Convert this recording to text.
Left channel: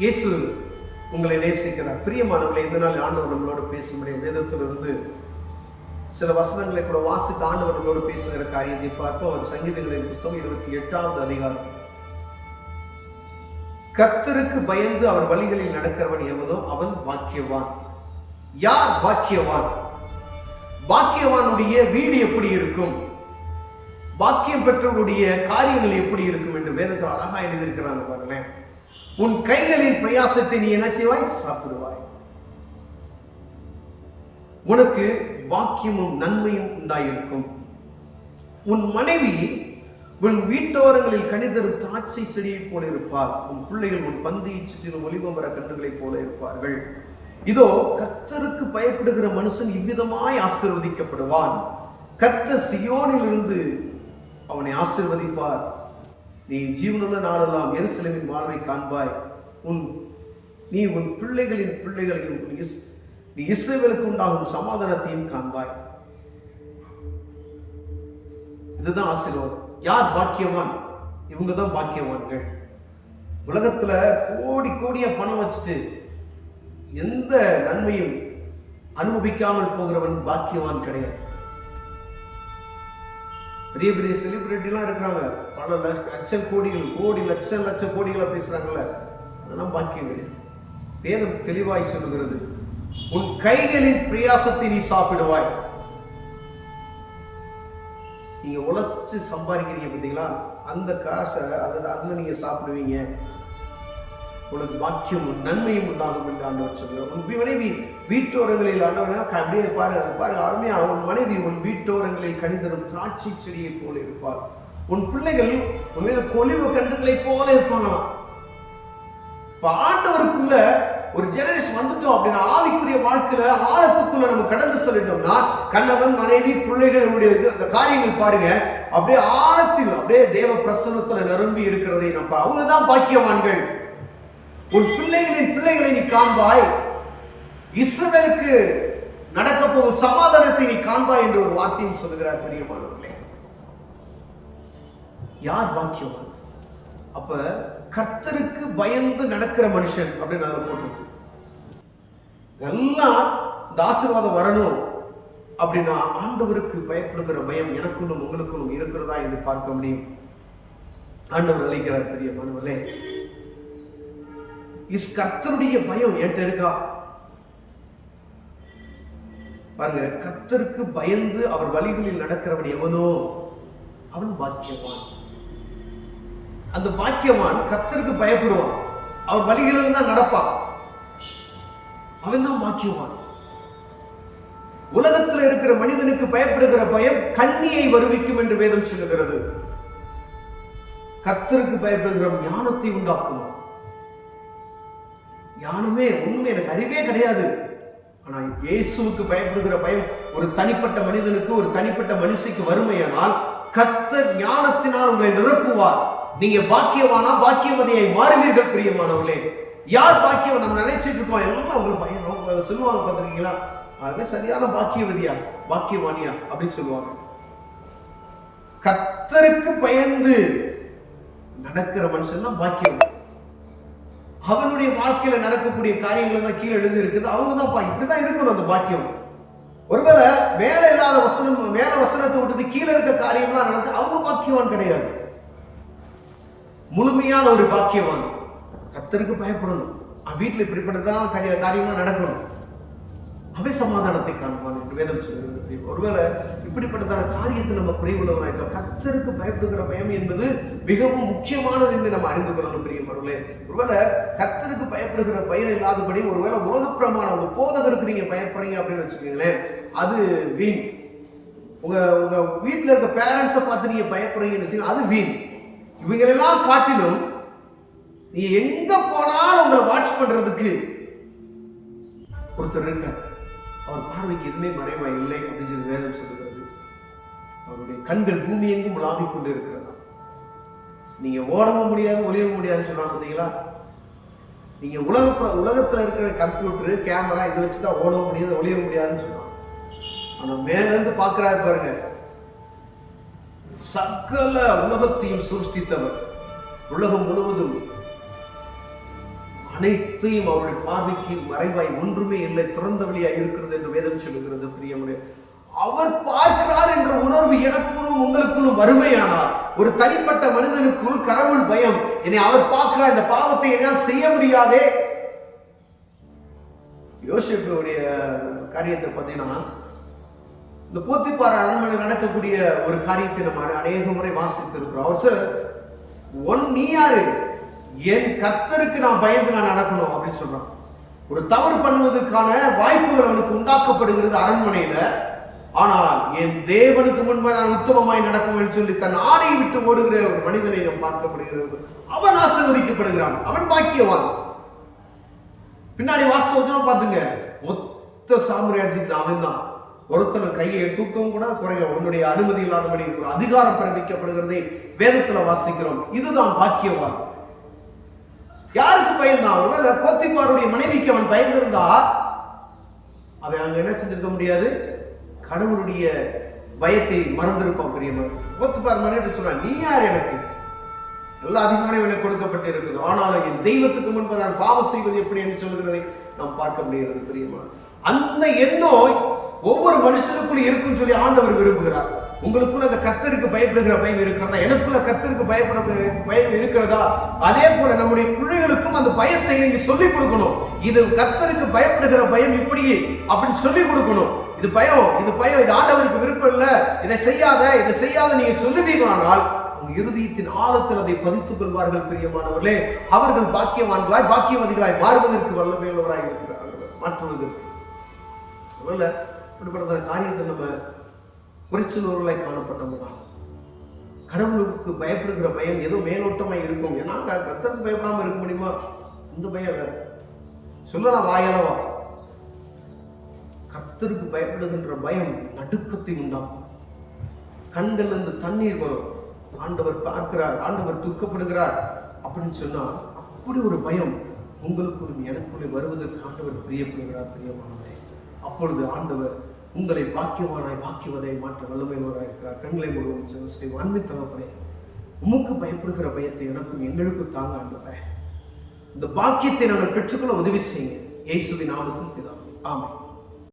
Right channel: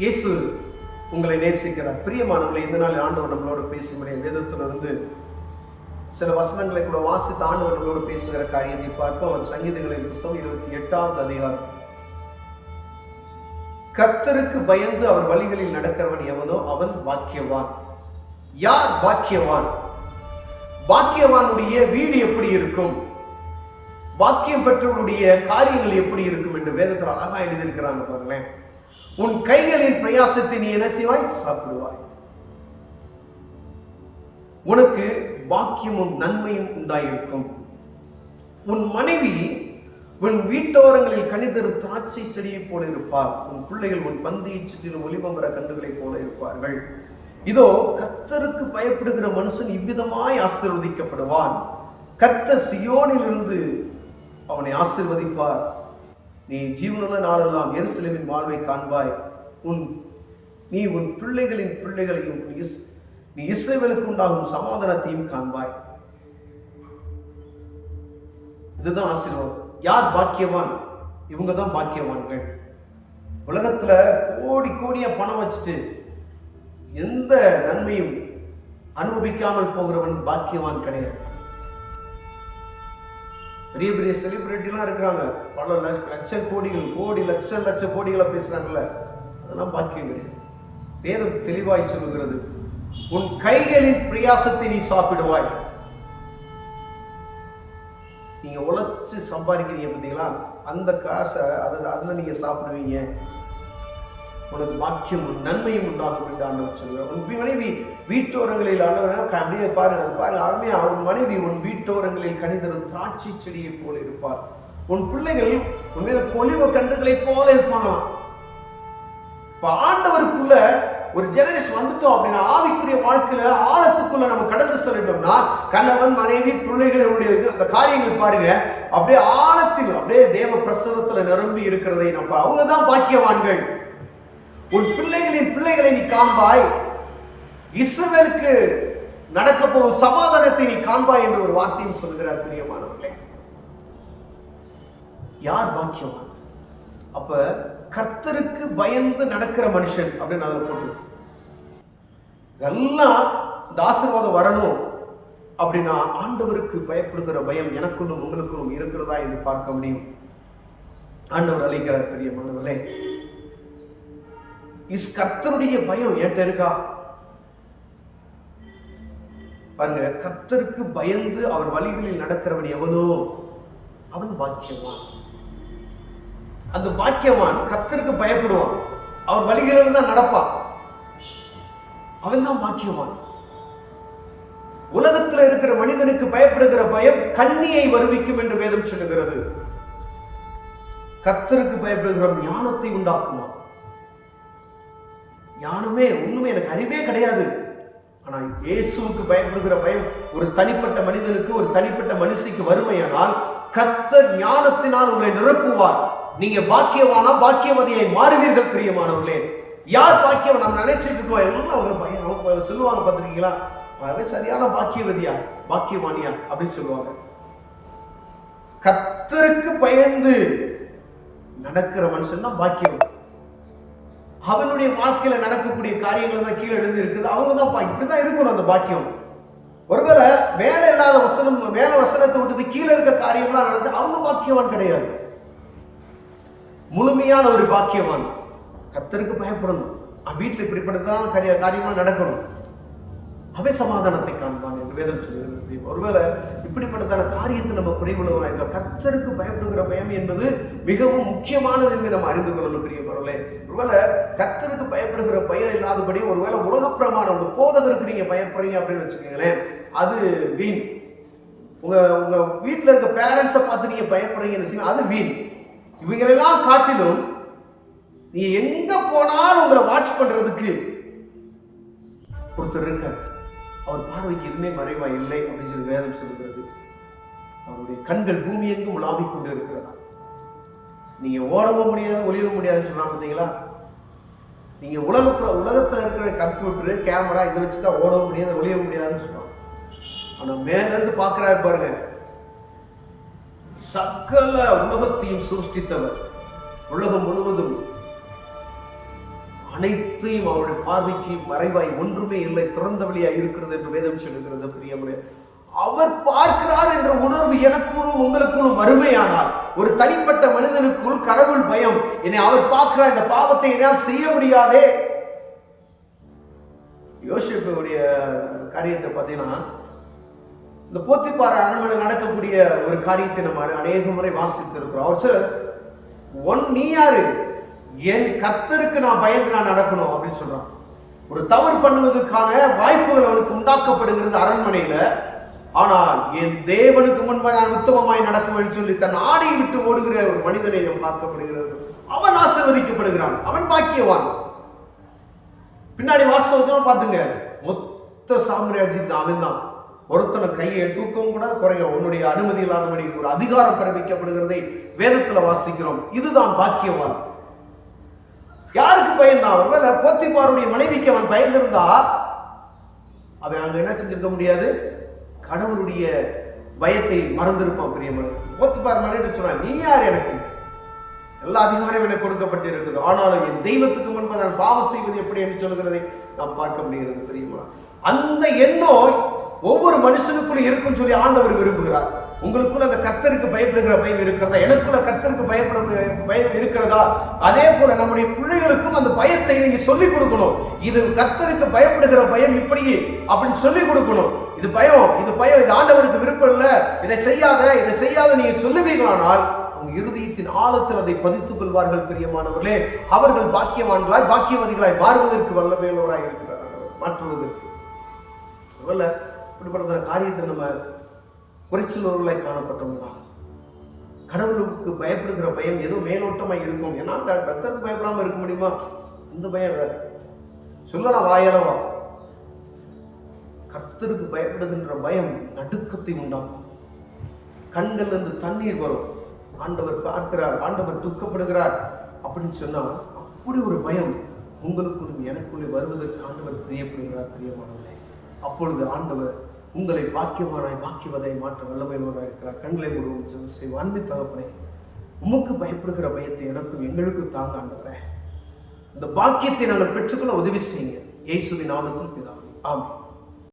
இயேசு உங்களை நேசிக்கிறார். பிரியமானவர்களே, இந்த நாள் ஆண்டவர் நம்மளோடு பேசும்படிய வேதத்திலிருந்து சில வசனங்களை கூட வாசித்து ஆண்டவர் நம்மளோடு பேசுகிற காரியத்தை பார்ப்போம். அவர் சங்கீதங்களின் புத்தகம் 28வது அதிகாரம். கர்த்தருக்கு பயந்து அவர் வழிகளில் நடக்கிறவன் எவனோ அவன் பாக்கியவான். யார் பாக்கியவான்? பாக்கியவானுடைய வீடு எப்படி இருக்கும், பாக்கியம் பெற்றவருடைய காரியங்கள் எப்படி இருக்கும் என்று வேதத்தில் அழகா எழுதியிருக்கிறாங்க பாருங்களேன். உன் கைகளின் பிரயாசத்தை நீ என்ன செய்வாய்? சாப்பிடுவாய். உனக்கு பாக்கியமும் நன்மையும் உண்டாயிருக்கும். உன் மனைவி உன் வீட்டோரங்களில் கனிதரும் திராட்சை செடியை போல இருப்பார். உன் பிள்ளைகள் உன் பந்தியை சுற்றிலும் ஒலிவமர கன்றுகளைப் போல இருப்பார்கள். இதோ கர்த்தருக்கு பயப்படுகிற மனுஷன் இவ்விதமாய் ஆசீர்வதிக்கப்படுவான். கர்த்தர் சியோனிலிருந்து அவனை ஆசீர்வதிப்பார். நீ ஜீவனுள்ள நாளெல்லாம் எருசலேமின் வாழ்வை காண்பாய். நீ உன் பிள்ளைகளின் பிள்ளைகளையும் நீ இஸ்ரவேலுக்கு உண்டாகும் சமாதானத்தையும் காண்பாய். இதுதான் ஆசீர்வாதம். யார் பாக்கியவான்? இவங்க தான் பாக்கியவான்கள். உலகத்துல கோடி கோடியா பணம் வச்சுட்டு எந்த நன்மையும் அனுபவிக்காமல் போகிறவன் பாக்கியவான் கிடையாது. பெரிய பெரிய செலிபிரிட்டிலாம் இருக்கிறாங்க, பல லட்சம் கோடிகள், லட்ச கோடிகளை பேசுறாங்கல்ல, அதெல்லாம் பாக்கியம் கிடையாது. வேதம் தெளிவாய் சொல்லுகிறது, உன் கைகளின் பிரயாசத்தை நீ சாப்பிடுவாய். நீங்க உழைச்சு சம்பாதிக்கிறீங்க பார்த்தீங்களா, அந்த காசை அதுல நீங்க சாப்பிடுவீங்க. உனக்கு பாக்கியமும் நன்மையும் உண்டாகும் என்று ஆண்டவர் சொல்கிறார். உன் மனைவி வீட்டோரங்களில் அப்படியே பாருங்க அருமையா, உன் மனைவி உன் வீட்டோரங்களில் கனிதரும் திராட்சை செடியை போல இருப்பார். உன் பிள்ளைகள் உன் மீது கொலிவ கன்றுகளை போல இருப்பாங்களாம். இப்ப ஆண்டவருக்குள்ள ஒரு ஜெனரேஷன் வந்துட்டோம் அப்படின்னா, ஆவிக்குரிய வாழ்க்கையில ஆழத்துக்குள்ள நம்ம கடந்து செல்லிட்டோம்னா, கணவன் மனைவி பிள்ளைகளுடைய அந்த காரியங்கள் பாருங்க, அப்படியே ஆழத்தில் அப்படியே தேவ பிரசன்னத்துல நிரம்பி இருக்கிறதை நம்ம, அவங்கதான் பாக்கியவான்கள். உன் பிள்ளைகளின் பிள்ளைகளை நீ காண்பாய். இஸ்ரவேலுக்கு நடக்க போகும் சமாதானத்தை நீ காண்பாய் என்று ஒரு வார்த்தையும் சொல்லுகிறார். பிரியமானவர்களே, யார் பாக்கியவான்? அப்ப கர்த்தருக்கு பயந்து நடக்கிற மனுஷன் அப்படின்னு அதில் போட்டிருக்கு. இதெல்லாம் இந்த ஆசீர்வாதம் வரணும் அப்படின்னா ஆண்டவருக்கு பயப்படுகிற பயம் எனக்குள்ளும் உங்களுக்குள்ளும் இருக்கிறதா என்று பார்க்க முடியும். ஆண்டவர் அழைக்கிறார். பிரியமானவர்களே, கர்த்தருடைய பயம் என்கிட்ட இருக்கா? பாருங்க, கர்த்தருக்கு பயந்து அவர் வழிகளில் நடக்கிறவன் எவனோ அவன் பாக்கியவான். அந்த பாக்கியவான் கர்த்தருக்கு பயப்படுவான், அவர் வழிகளில் தான் நடப்பான், அவன் தான் பாக்கியவான். உலகத்தில் இருக்கிற மனிதனுக்கு பயப்படுகிற பயம் கண்ணியை வருவிக்கும் என்று வேதம் சொல்லுகிறது. கர்த்தருக்கு பயப்படுகிற ஞானத்தை உண்டாக்குமா? ஞானமே ஒண்ணுமே எனக்கு அறிவே கிடையாது. ஆனா இயேசுவுக்கு பயப்படுகிற பயம் ஒரு தனிப்பட்ட மனிதனுக்கு, ஒரு தனிப்பட்ட மனுஷிக்கு வறுமையானால் கர்த்தர் ஞானத்தினால் உங்களை நிரப்புவார். நீங்க பாக்கியவானா பாக்கியவதியை மாறுவீர்கள். பிரியமானவர்களே, யார் பாக்கியவன்? நம்ம நினைச்சிட்டு இருக்கோம் எல்லாம் அவங்க பையன், அவங்க சொல்லுவாங்க பார்த்துருக்கீங்களா, அதே சரியான பாக்கியவதியா பாக்கியவானியா அப்படின்னு சொல்லுவாங்க. கர்த்தருக்கு பயந்து நடக்கிற மனுஷன் தான் பாக்கியவன். அவனுடைய வாழ்க்கையில நடக்கக்கூடிய காரியங்கள் தான் கீழே எழுதி இருக்குது. அவங்க தான் இப்படிதான் இருக்கணும் அந்த பாக்கியம். ஒருவேளை மேல இல்லாத வசனம், மேல வசனத்தை விட்டுட்டு கீழே இருக்க காரியம்லாம் நடந்து அவங்க பாக்கியவான் கிடையாது. முழுமையான ஒரு பாக்கியவான் கர்த்தருக்கு பயப்படணும். வீட்டில் இப்படிப்பட்டதான காரியமா நடக்கணும், அவை சமாதானத்தை காண்பான் என்று வேதம் சொல்கிறது. ஒருவேளை இப்படிப்பட்டதான காரியத்தை நம்ம குறைவுள்ளவராக, கர்த்தருக்கு பயப்படுகிற பயம் என்பது மிகவும் முக்கியமானது என்று நம்ம அறிந்து கொள்ளணும். பிரியமானவர்களே, ஒருவேளை கர்த்தருக்கு பயப்படுகிற பயம் இல்லாதபடி ஒருவேளை உலக பிரமாணம் உங்க போதகருக்கு நீங்க பயப்படுறீங்க அப்படின்னு வச்சுக்கோங்களேன், அது வீண். உங்க வீட்டில் இருக்க பேரண்ட்ஸை பார்த்து நீங்க பயப்படுறீங்கன்னு வச்சுக்கோங்க, அது வீண். இவங்களெல்லாம் காட்டிலும் நீ எங்க போனாலும் உங்களை வாட்ச் பண்றதுக்கு ஒருத்தர் இருக்க, அவர் பார்வைக்கு எதுவுமே மறைவா இல்லை அப்படின்னு சொல்லி வேதம் சொல்லுகிறது. அவருடைய கண்கள் பூமி எங்கும் உலாவிக் கொண்டு இருக்கிறதா. நீங்க ஓடவும் முடியாது, ஒளியவும் முடியாதுன்னு சொன்னாங்க பார்த்தீங்களா. நீங்க உலகத்துல இருக்கிற கம்ப்யூட்டரு, கேமரா இதை வச்சுதான் ஓடவும் முடியாது, ஒளியவும் முடியாதுன்னு சொன்னாங்க. ஆனா மேல இருந்து பாக்குறாரு பாருங்க, சகல உலகத்தையும் சிருஷ்டித்தவர், உலகம் முழுவதும் அனைத்தையும் அவருடைய பார்வைக்கு மறைவாய் ஒன்றுமே இல்லை, திறந்த வழியாய் இருக்கிறது என்று வேதம் சொல்லுகிறது. பிரியமுடைய அவர் பார்க்கிறார் என்ற உணர்வு எனக்குள்ளும் உங்களுக்குள்ளும் வறுமையானால், ஒரு தனிப்பட்ட மனிதனுக்குள் கடவுள் பயம், என்னை அவர் பார்க்கிறார், இந்த பாவத்தை என்னால் செய்ய முடியாதே. யோசிப்புடைய காரியத்தை பார்த்தீங்கன்னா, இந்த போத்திபார் அரண்மனை நடக்கக்கூடிய ஒரு காரியத்தை நம்ம அநேக முறை வாசித்து இருக்கிறோம். அவர் சார் நீ யாரு, என் கர்த்தருக்கு நான் பயந்து நான் நடக்கணும் அப்படின்னு சொல்றான். ஒரு தவறு பண்ணுவதற்கான வாய்ப்புகள் அவனுக்கு உண்டாக்கப்படுகிறது அரண்மனையில. ஆனால் என் தேவனுக்கு முன்பாக நான் உத்தமமாய் நடக்கும் சொல்லி தன் ஆடையை விட்டு ஓடுகிற ஒரு மனிதனை நாம் பார்க்கப்படுகிறது. அவன் ஆசீர்வதிக்கப்படுகிறான், அவன் பாக்கியவான். பின்னாடி வாசகம் பார்த்துங்க, மொத்த சாம்ராஜ்யத்தில் அவன் தான். ஒருத்தனை கையை தூக்கவும் கூட குறைய உன்னுடைய அனுமதி இல்லாதபடி ஒரு அதிகாரம் பிறப்பிக்கப்படுகிறதை வேதத்துல வாசிக்கிறோம். இதுதான் பாக்கியவான். யாருக்கு பயந்தான்? ஒருவேளை போத்திபாருடைய மனைவிக்கு அவன் பயந்திருந்தா அவன் அங்க என்ன செஞ்சிருக்க முடியாது, கடவுளுடைய பயத்தை மறந்திருப்பான். பிரியமான போத்திபார் மனைவி சொல்றான், நீ யார், எனக்கு எல்லா அதிகாரம் எனக்கு கொடுக்கப்பட்டு இருக்குது, ஆனாலும் என் தெய்வத்துக்கு முன்பு நான் பாவம் செய்வது எப்படி என்று சொல்கிறதை நாம் பார்க்க முடிகிறது. பிரியமான அந்த எண்ணம் ஒவ்வொரு மனுஷனுக்குள்ள இருக்குன்னு சொல்லி ஆண்டவர் விரும்புகிறார். உங்களுக்குள்ள அந்த கர்த்தருக்கு பயப்படுகிற பயம் இருக்கிறதா? எனக்குள்ள கர்த்தருக்கு பயப்பட பயம் இருக்கிறதா? அதே போல நம்முடைய பிள்ளைகளுக்கும் அந்த பயத்தை நீங்க சொல்லிக் கொடுக்கணும். இது கர்த்தருக்கு பயப்படுகிற பயம் இப்படி அப்படின்னு சொல்லிக் கொடுக்கணும். இது பயம், இது பயம், இது ஆண்டவருக்கு விருப்பம் இல்லை, இதை செய்யாத நீங்க சொல்லுவீங்களானால் அவங்க இருதயத்தின் ஆழத்தில் அதை பதித்துக் கொள்வார்கள். பிரியமானவர்களே, அவர்கள் பாக்கியவான்களாய் பாக்கியவதிகளாய் மாறுவதற்கு வல்லமையுள்ளவராய் இருக்கிறார்கள். மாற்றுவதற்கு இப்படிப்பட்ட காரியத்தை நம்ம குறைச்சலூர்களாய் காணப்பட்டவங்கதான். கடவுளுக்கு பயப்படுகிற பயம் ஏதோ மேலோட்டமாய் இருக்கும். ஏன்னா கர்த்தருக்கு பயப்படாம இருக்க முடியுமா? அந்த பயம் வேற. சொல்லலாம் வாயளவா. கர்த்தருக்கு பயப்படுகின்ற பயம் நடுக்கத்தை உண்டாகும். கண்கள் இருந்து தண்ணீர் வரும். ஆண்டவர் பார்க்கிறார், ஆண்டவர் துக்கப்படுகிறார் அப்படின்னு சொன்னா அப்படி ஒரு பயம் உங்களுக்குள்ளும் எனக்குள்ளே வருவதற்கு ஆண்டவர் பிரியப்படுகிறார். பிரியமானவரே, அப்பொழுது ஆண்டவர் உங்களை பாக்கியவானாய் பாக்கியவதை மாற்ற வல்லமையுள்ளவராக இருக்கிறார். கண்களை முழுவதும் அன்பின் தகப்பனே, உமக்கு பயப்படுகிற பயத்தை எனக்கும் எங்களுக்கும் தாங்க ஆண்டவரே. இந்த பாக்கியத்தை நாங்கள் பெற்றுக்கொள்ள உதவி செய்யுங்க. இயேசுவின் நாமத்தில் பிதாவே, ஆமென்.